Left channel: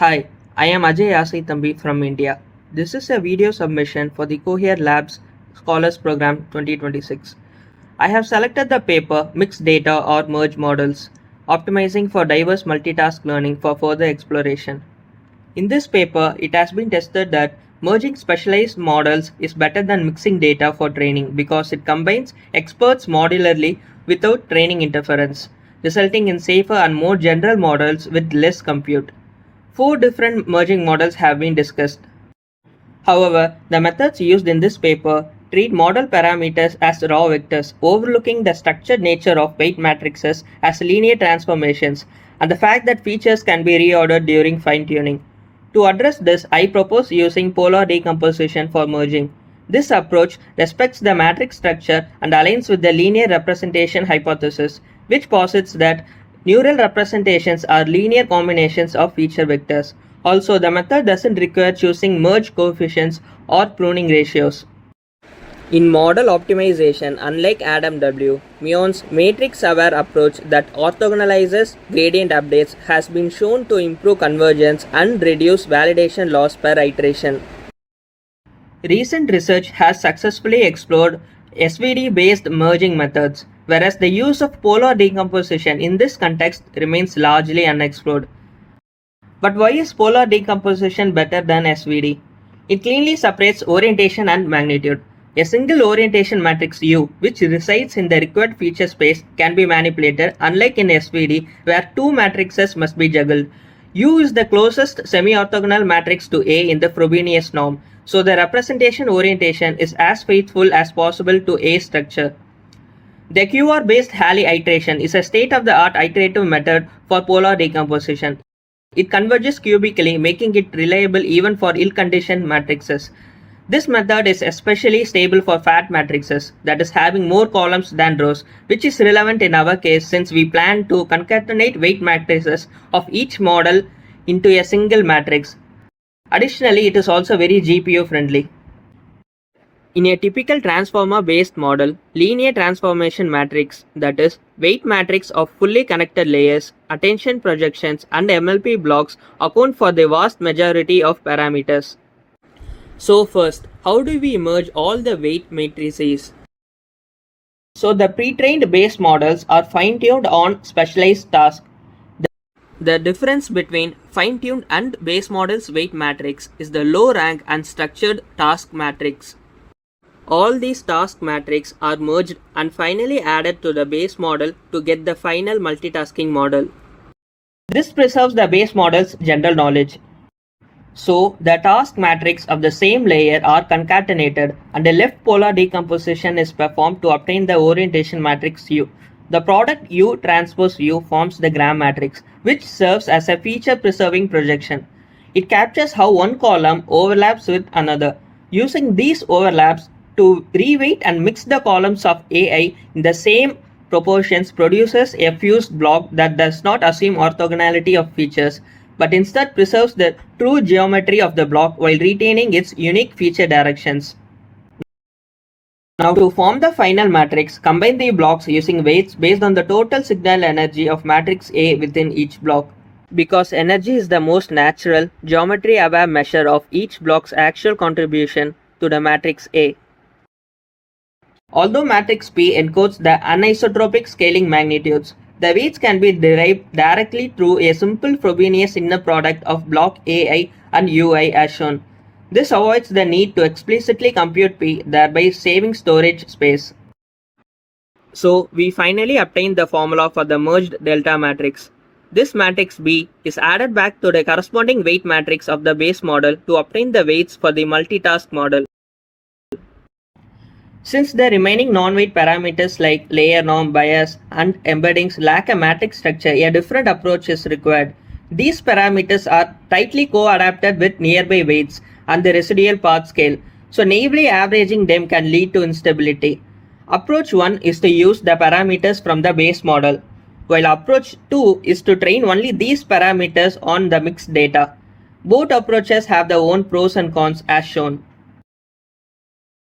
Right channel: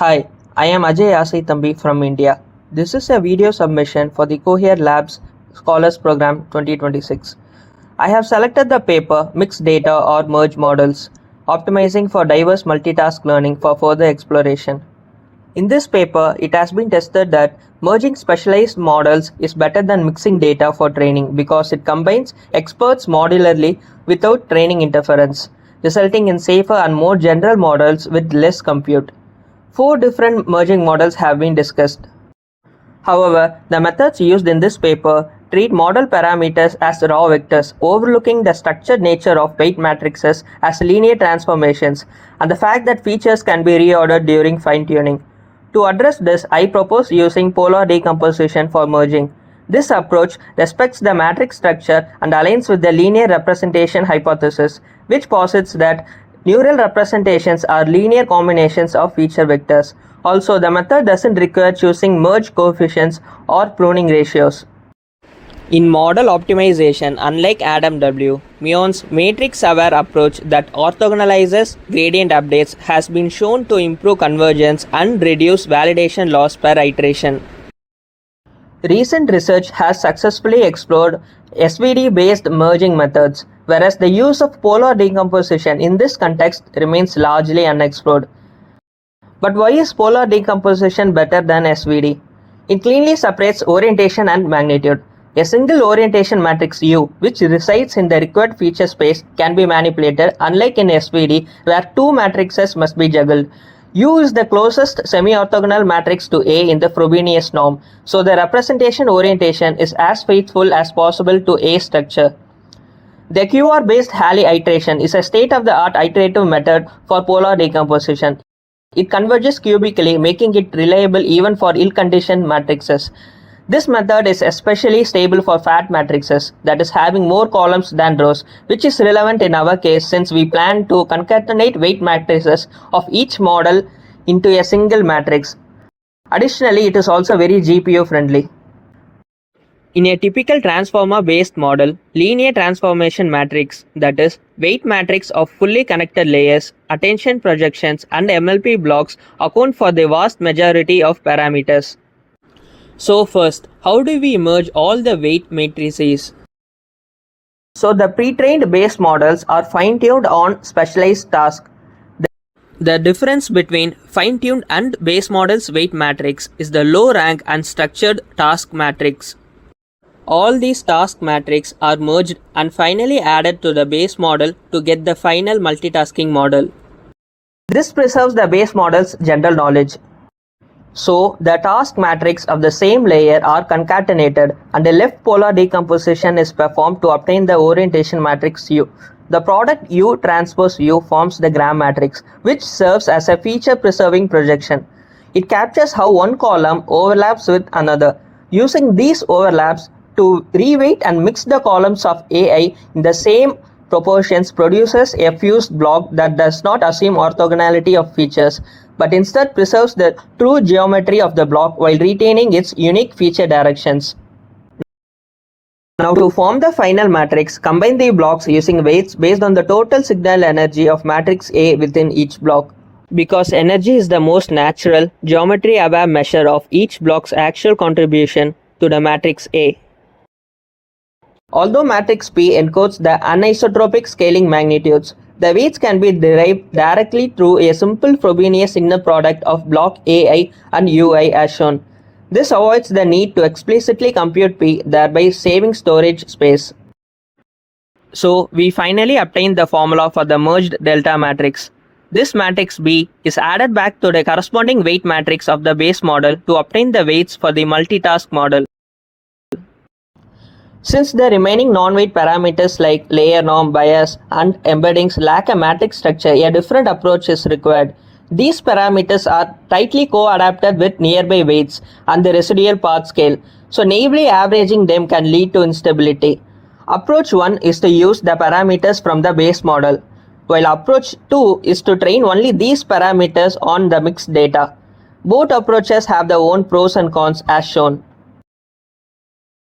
Hi, I am Ajay Asaitambi from India. This is a video submission for the Cohere Labs Scholars Program 2026. I have selected the paper Mixed Data or Merge Models, Optimizing for Diverse Multitask Learning for further exploration. In this paper, it has been tested that merging specialized models is better than mixing data for training because it combines experts modularly without training interference, resulting in safer and more general models with less compute. 4 different merging models have been discussed. However, the methods used in this paper treat model parameters as raw vectors, overlooking the structured nature of weight matrices as linear transformations and the fact that features can be reordered during fine-tuning. To address this, I propose using polar decomposition for merging. This approach respects the matrix structure and aligns with the linear representation hypothesis, which posits that neural representations are linear combinations of feature vectors. Also, the method doesn't require choosing merge coefficients or pruning ratios. In model optimization, unlike Adam W., Muon's matrix-aware approach that orthogonalizes gradient updates has been shown to improve convergence and reduce validation loss per iteration. Recent research has successfully explored SVD-based merging methods, whereas the use of polar decomposition in this context remains largely unexplored. But why is polar decomposition better than SVD? It cleanly separates orientation and magnitude. A single orientation matrix U, which resides in the required feature space, can be manipulated, unlike in SVD, where two matrices must be juggled. U is the closest semi-orthogonal matrix to A in the Frobenius norm, so the representation orientation is as faithful as possible to A structure. The QR-based Halley iteration is a state-of-the-art iterative method for polar decomposition. It converges cubically, making it reliable even for ill-conditioned matrices. This method is especially stable for fat matrices, that is having more columns than rows, which is relevant in our case since we plan to concatenate weight matrices of each model into a single matrix. Additionally, it is also very GPU friendly. In a typical transformer-based model, linear transformation matrix, that is, weight matrix of fully connected layers, attention projections, and MLP blocks account for the vast majority of parameters. So first, how do we merge all the weight matrices? So the pre-trained base models are fine-tuned on specialized tasks. The difference between fine-tuned and base models weight matrix is the low rank and structured task matrix. All these task matrices are merged and finally added to the base model to get the final multitasking model. This preserves the base model's general knowledge. So, the task matrix of the same layer are concatenated and a left polar decomposition is performed to obtain the orientation matrix U. The product U transpose U forms the gram matrix, which serves as a feature-preserving projection. It captures how one column overlaps with another. Using these overlaps to reweight and mix the columns of AI in the same proportions produces a fused block that does not assume orthogonality of features, but instead preserves the true geometry of the block while retaining its unique feature directions. Now to form the final matrix, combine the blocks using weights based on the total signal energy of matrix A within each block. Because energy is the most natural, geometry-aware measure of each block's actual contribution to the matrix A. Although matrix P encodes the anisotropic scaling magnitudes, the weights can be derived directly through a simple Frobenius inner product of block AI and UI as shown. This avoids the need to explicitly compute P, thereby saving storage space. So, we finally obtained the formula for the merged delta matrix. This matrix B is added back to the corresponding weight matrix of the base model to obtain the weights for the multitask model. Since the remaining non-weight parameters like layer norm, bias, and embeddings lack a matrix structure, a different approach is required. These parameters are tightly co-adapted with nearby weights and the residual path scale, so naively averaging them can lead to instability. Approach 1 is to use the parameters from the base model, while approach 2 is to train only these parameters on the mixed data. Both approaches have their own pros and cons as shown.